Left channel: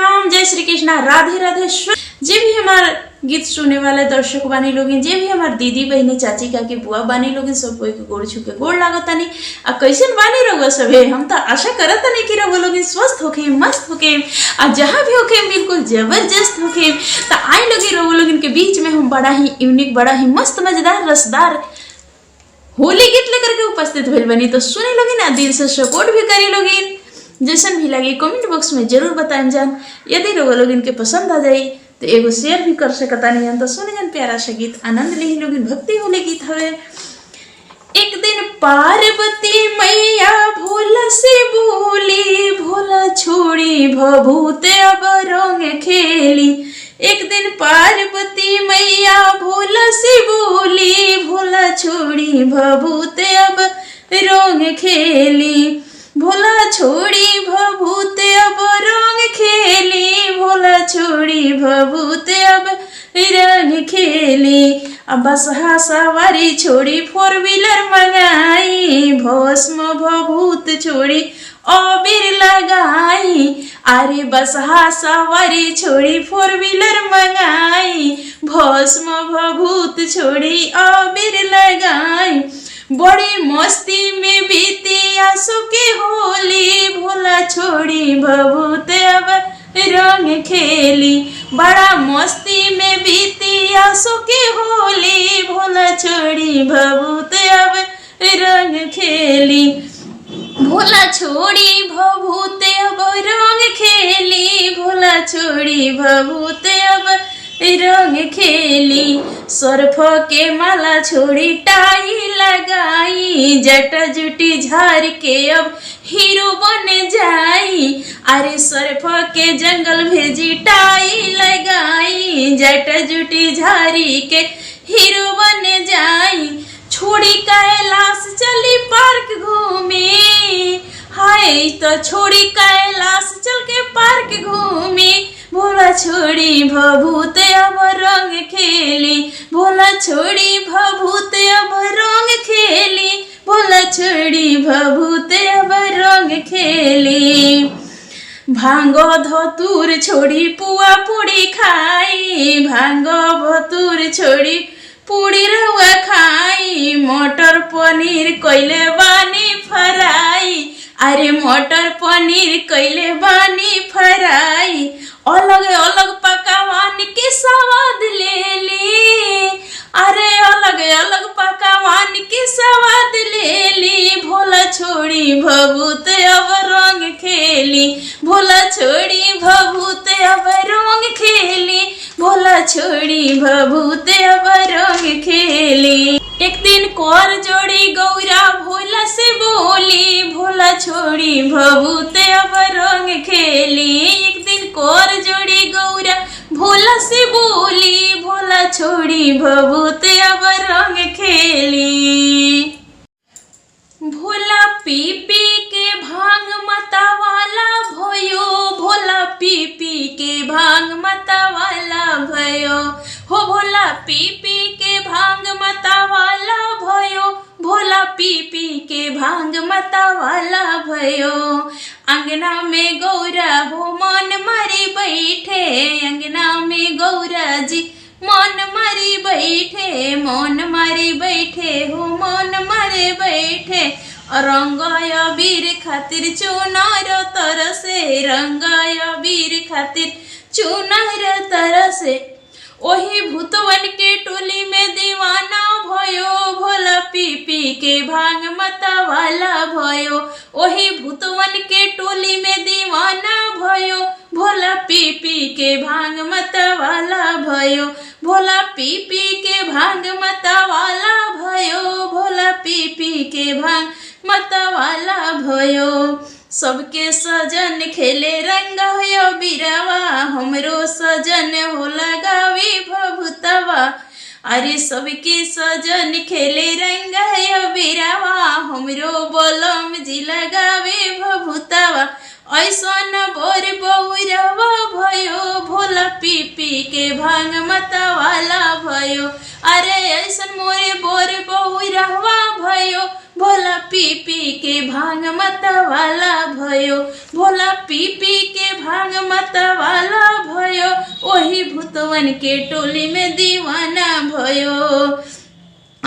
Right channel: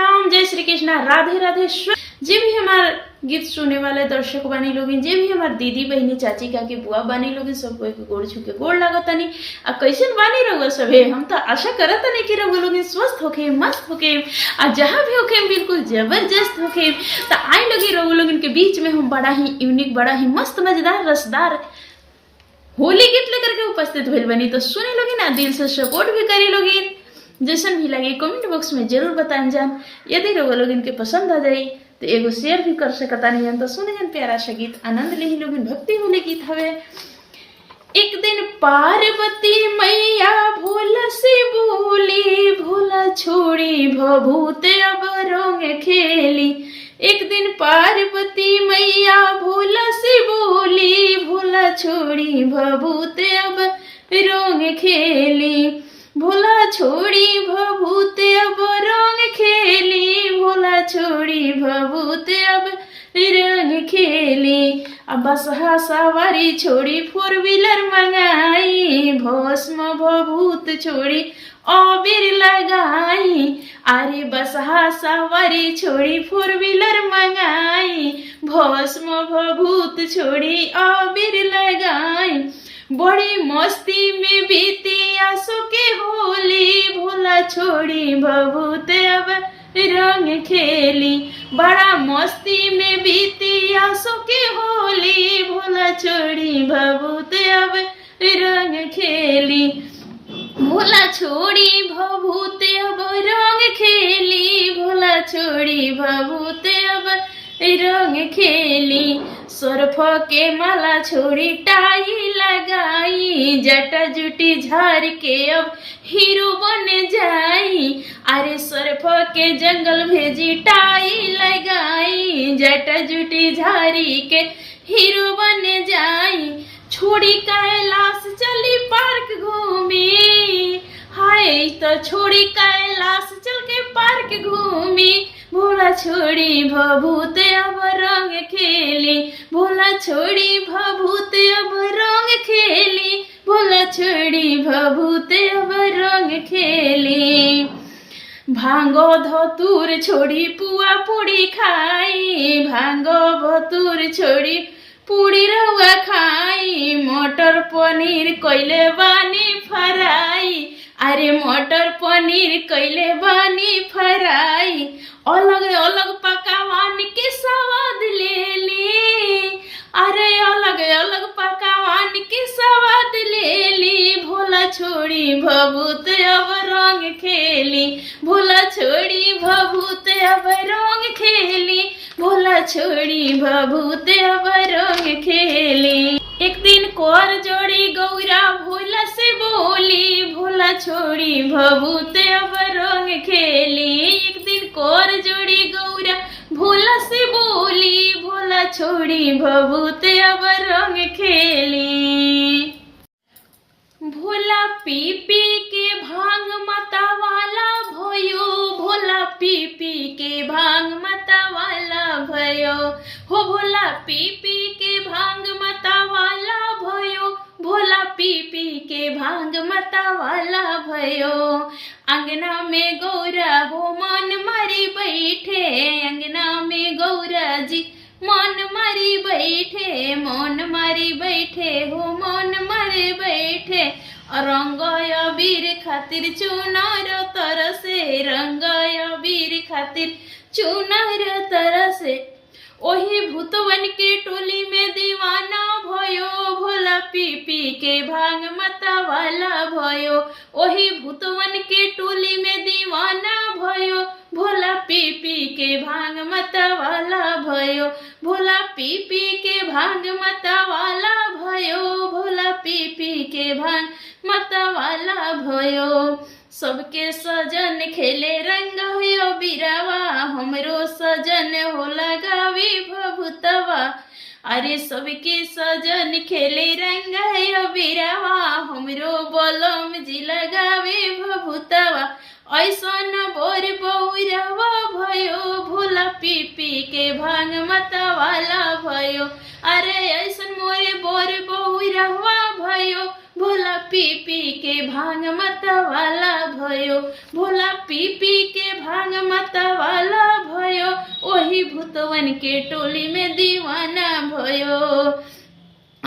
प्रणाम, जय श्री कृष्णा, राधे राधे। जे भी हमारे गीत सुनने वाले दर्शक बानी लोग, जे भी हमारे दीदी बहनी चाची काकी बुआ बानी लोग, सब कोई के गोड़ छुके गोड़ लागतानी। आ कैसन बानी रहुआ सभे? हम तो आशा करत नहीं कि रहुआ लोग स्वस्थ होके, मस्त होके, आ जहाँ भी होके बिल्कुल जबरदस्त होके। तो आई लगी रहुआ लोग के बीच में हम बड़ा ही यूनिक, बड़ा ही मस्त, मजेदार, रसदार होली गीत लेकर के उपस्थित भेल बनी। तो सुने लोगी ना, दिल से सपोर्ट भी करी लोगी, जैसन भी लगे कमेंट बॉक्स में जरूर बताएं जान। यदि रहुआ लोग इनके पसंद आ जाए तो एगो शेयर भी कर सकता नहीं। तो सुने जान प्यारा सा गीत, आनंद ले लोग, भक्ति होली गीत हवे। एक दिन पार्वती मैया भोला से बोली, भोला छोड़ी भभूत अब रंग खेली। एक दिन पार्वती मैया भोला से बोली, भोला छोड़ी भभूत अब रंग खेली। भोला छोड़ी भभूत अब रंग खेली, भोला छोड़ी भभूत अब रंग खेली। अब बसहा सवारी छोड़ी फोर व्हीलर मंगाई, भस्म भभूत छोड़ी अबीर लगाई। अरे बसहा सवारी छोड़ी फोर व्हीलर मंगाई, भस्म भभूत छोड़ी अबीर लगाई। बड़ी मस्ती में बीती आंसू की होली, भोला छोड़ी भभूत अब रंग खेली। बड़ा मस्ती में बीती आंसू की होली, भोला छोड़ी भभूत अब रंग खेली। भोला छोड़ी भभूत अब रंग खेली, भोला छोड़ी भभूत अब रंग खेली। सर्फ के माला छोड़ी टाई लगाई, जटा जुटी झार के अब हीरो बन जाई। अरे सर्फ के जंगल भेजी टाई लगाई, जटा जुटी झारी के हीरो बन जाई। छोड़ी कैलाश चली पार्क घूमी, हाय तो छोड़ी कैलाश चल के पार्क घूमी। भोला छोड़ी भभूत अब रंग खेली, भोला छोड़ी भभूत अब रंग खेली, भोला छोड़ी भभूत अब रंग खेली। भांगो धतूर छोड़ी पुआ पूड़ी खाई, भांगो भतूर छोड़ी पूड़ी रहुआ खाई। मटर पनीर कैले बानी फ्राई, अरे मटर पनीर कैले बानी फ्राई। अलग अलग पकवान के स्वाद ले ली, अरे अलग अलग पकवान के स्वाद ले ली। भोला छोड़ी भभूत अब रंग खेली, भोला छोड़ी भभूत अब रंग खेली, भोला छोड़ी भभूत अब रंग खेली। एक दिन कोर जोड़ी गौरा भोला से बोली, भोला छोड़ी भभूत अब रंग खेली। एक दिन कोर जोड़ी गौरा भोला से बोली, भोला छोड़ी भभूत अब रंग खेली। भोला पी पी के भांग मतवाला भयो, भोला पी पी के भांग मतवाला भयो। हो भोला पी पी के भांग मतवाला भयो, भोला पी पी के भांग मतवाला भयो। अंगना में गौरा हो मन मारी बैठे, अंगना में गौरा जी मन मारी बैठे, मन मारी बैठे हो मन मारे बैठे। रंगाय वीर खातिर चुनार तरसे, रंगाय वीर खातिर चुनार तरसे। ओही भूतवन के टोली में दीवाना भयो, भोला पी पी के भांग मतवाला भयो। ओही भूतवन के टोली में दीवाना भयो, भोला पी पी के भांग मतवाला भयो। भोला पी पी के भांग मतवाला भयो, भोला पी पी के भांग मतवाला भयो। सबके सजन खेले रंग हो बिरवा, हमरो सजन हो लगावी भभूतवा। अरे सबके सजन खेले रंग हो बिरवा, हमरो बलम जी लगावे भभूतवा। ऐसन बोर बहुरवा भयो, भोला पी पी के भांग मतवाला भयो। अरे ऐसन मोरे बोर बहुरवा भयो, भोला पी पी के भांग मतवाला भयो, भोला पी पी के भांग मतवाला भयो, वही भूतवन के टोली में दीवाना भयो।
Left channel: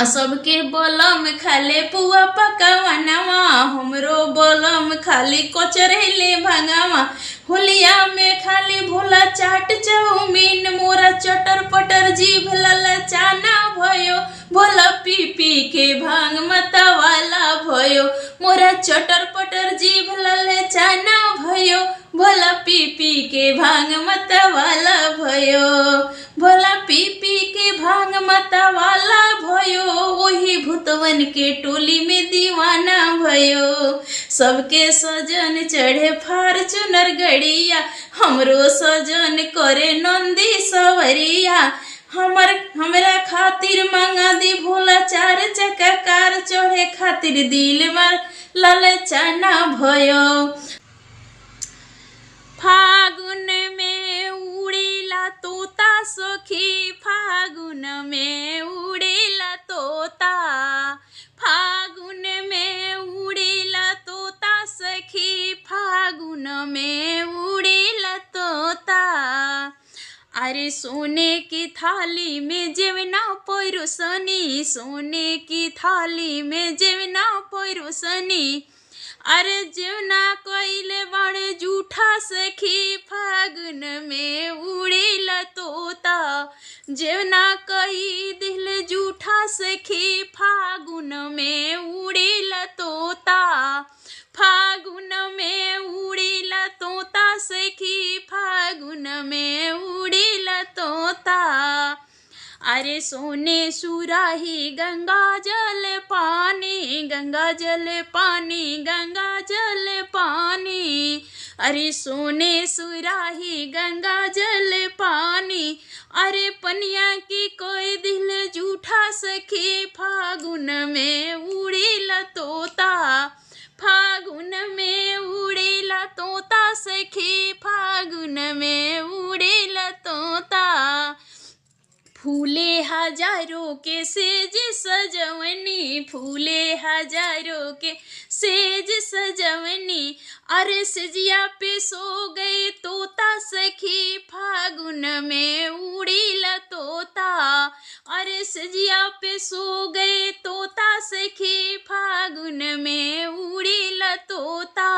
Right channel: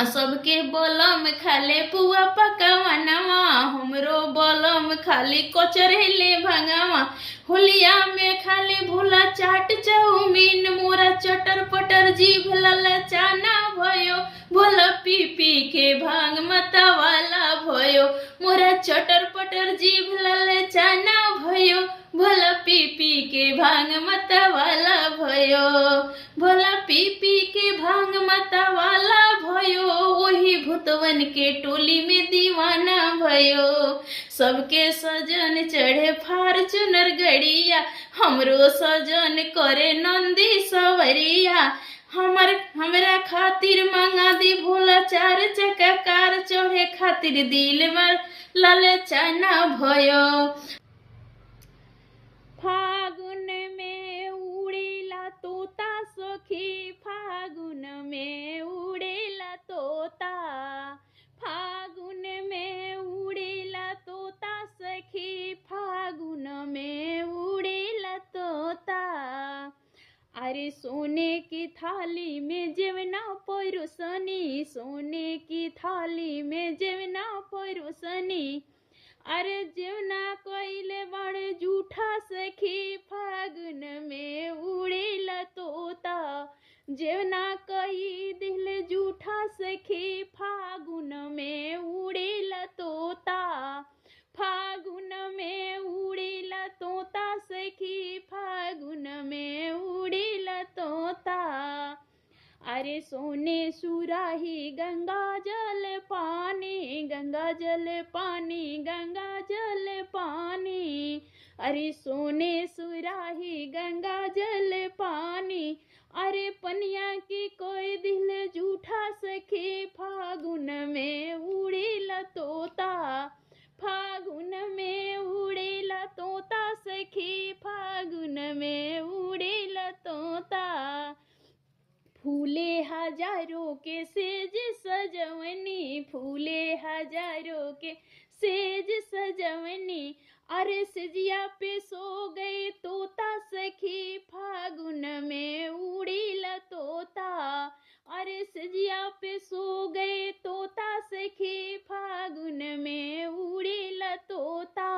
सबके बलम खाले पुआ पकावनवा, हमरो बलम खाली कचरेले भांगावा, होलिया में खाली भोला चाट चाउमीन, मोरा चटर पटर जीभ ललचाना भयो, भोला पी पी के भांग मतवाला भयो, मोरा चटर पटर जीभ ललचाना भयो, भोला पी पी के भांग मतवाला भयो, भोला पी पी के भांग मतवाला भयो, वही भूतवन के टोली में दीवाना भयो। सबके सजन चढ़े फार्चूनर गड़िया, हमरो सजन करे नंदी सवरिया, हमरा खातिर मंगा दी भोला 4 चक्का कार, चढ़े खातिर दिल मार ललचाना भयो। फागुन में उड़ेला तोता सखी, फागुन में उड़ेला तोता, फागुन में उड़ेला तोता सखी, फागुन में उड़ेला तोता। अरे सोने की थाली में जेवना परोसनी, सोने की थाली में जेवना परोसनी, अरे जेवना कइले बड़े जूठा सखी, फागुन में उड़ेला तोता, जेवना कही दिल जूठा सखी, फागुन में उड़ेला तोता, फागुन में उड़ेला तोता सखी, फागुन में उड़ेला तोता। अरे सोने सुराही गंगा जल पानी, गंगा जल पानी, गंगा जल पानी, अरे सोने सुराही गंगा जल पानी, अरे पनिया की कोई दिल जूठा सखी, फागुन में उड़ेला तोता, फागुन में उड़ेला तोता सखी, फागुन में उड़ेला तोता। फूले हजारों के सेज सजवनी, फूले हजारों के सेज सजवनी, अरे सजिया पे सो गए तोता सखी, फागुन में उड़ेला तोता, अरे सजिया पे सो गए तोता सखी, फागुन में उड़ेला तोता,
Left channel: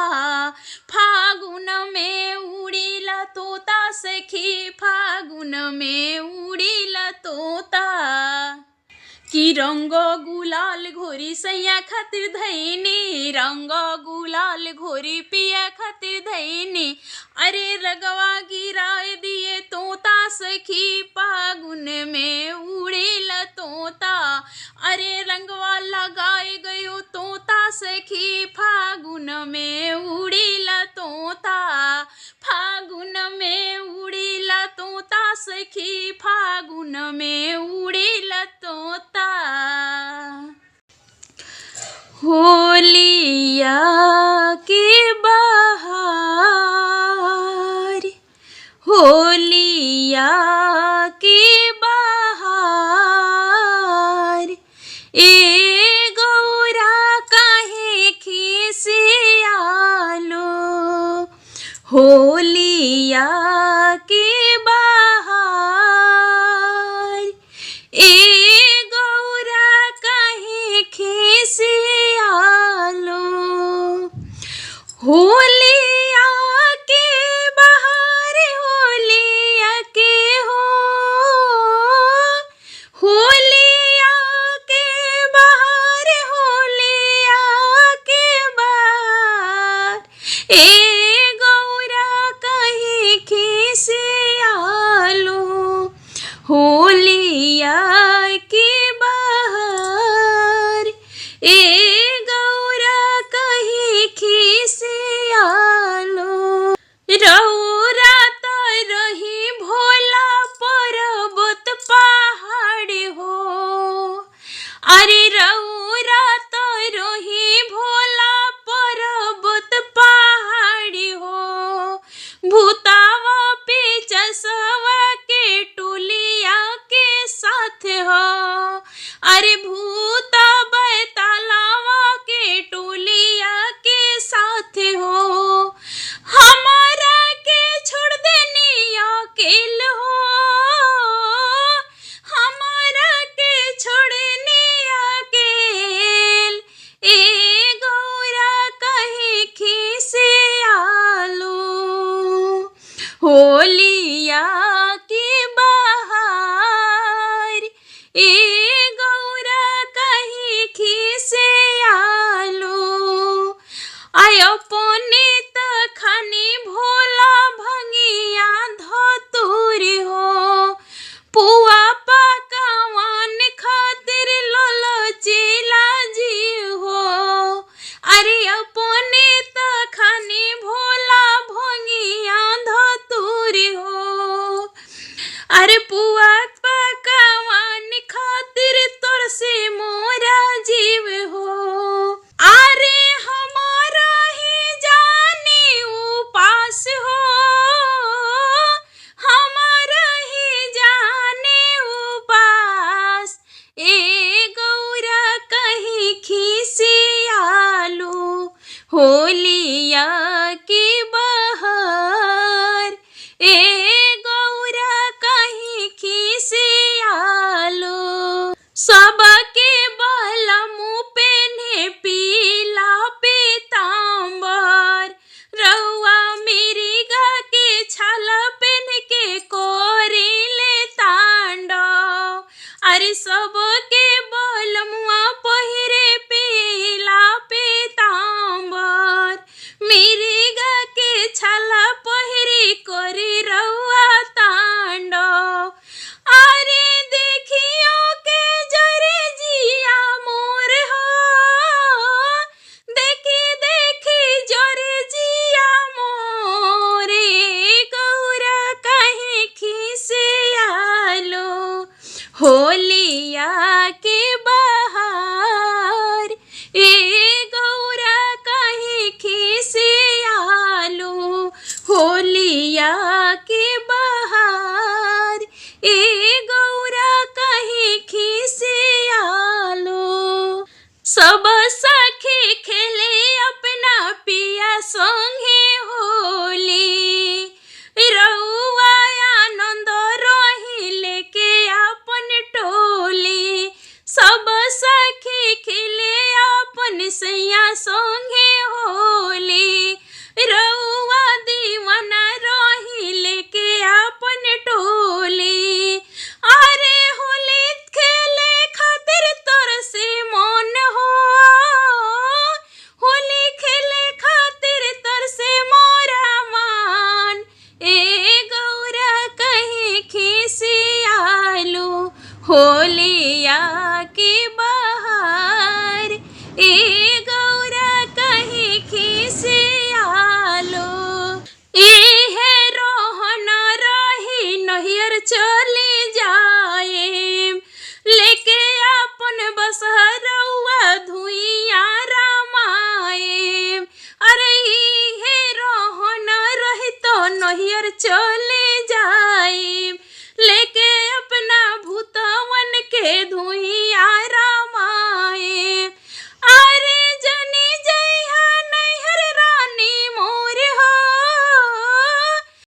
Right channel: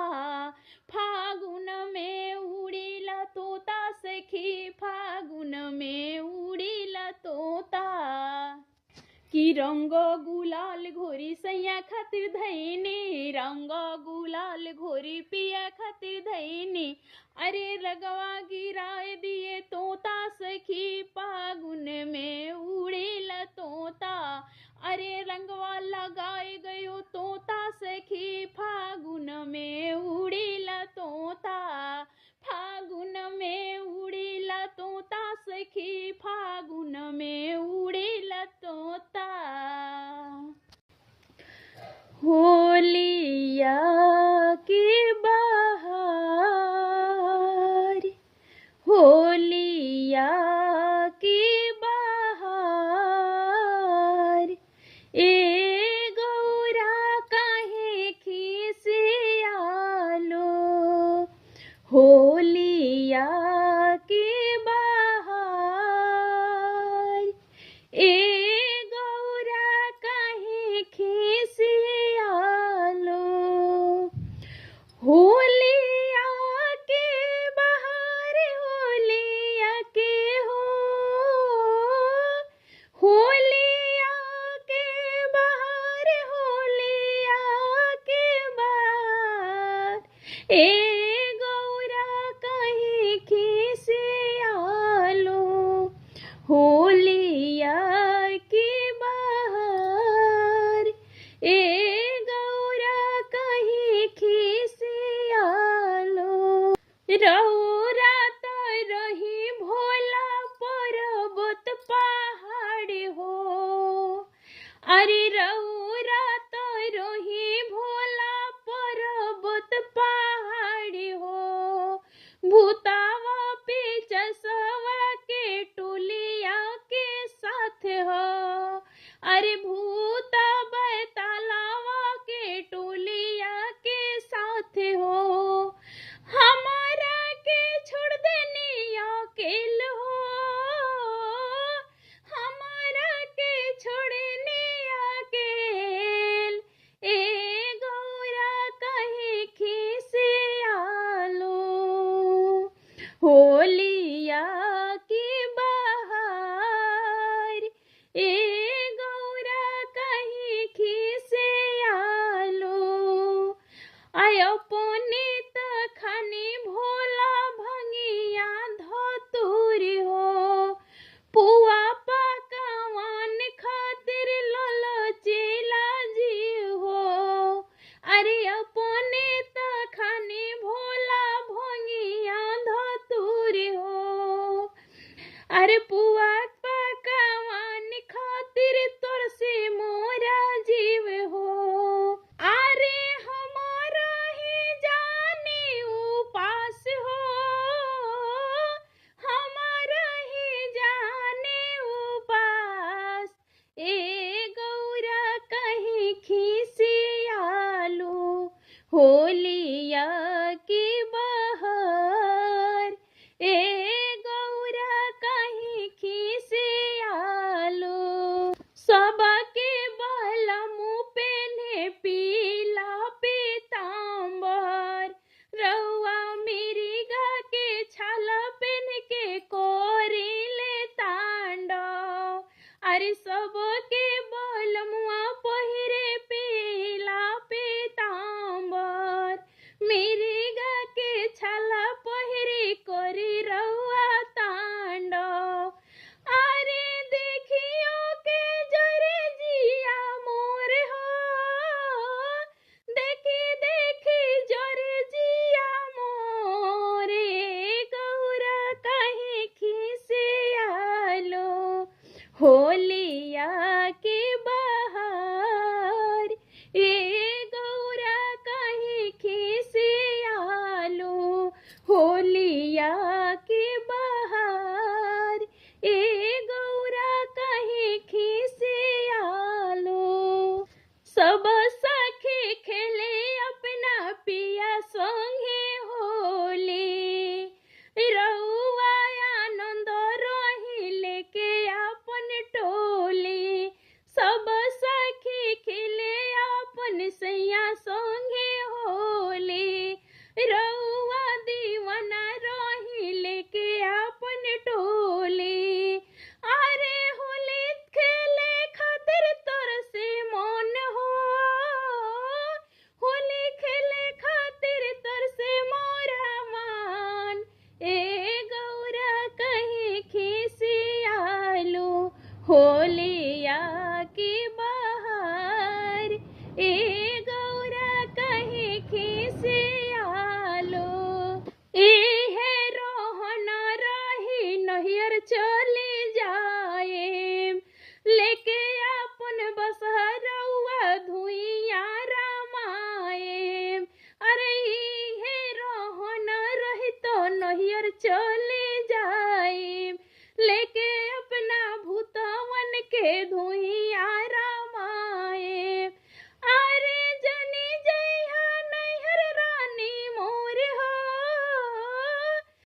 फागुन में उड़ेला तोता सखी, फागुन में उड़ेला तोता। कि रंग गुलाल घोरी सैया खातिर धैनी, रंग गुलाल घोरी पिया खातिर धैनी, अरे रगवा गिराए दिए तोता सखी, फागुन में उड़ेला तोता, अरे रंगवा लगाए गयो तोता सखी, फागुन में उड़ेला तोता, फागुन में उड़ेला तोता सखी, फागुन में उड़ेला तोता। होलिया के बहार, होलिया के बहार, ए गौरा काहे खिसियालो, होलिया के बहार, ए गौरा काहे खिसियालो, होलिया के बहार, होलिया के हो, होलिया के बहार, होलिया के बहार, ए गौरा कहीं खिसियालो, होलिया के बहार, ए गौरा कहीं खिसियालो। रौरा त रही भोला पर्वत पहाड़ हो, अरे रौरा त रही भोला पर्वत पहाड़ होली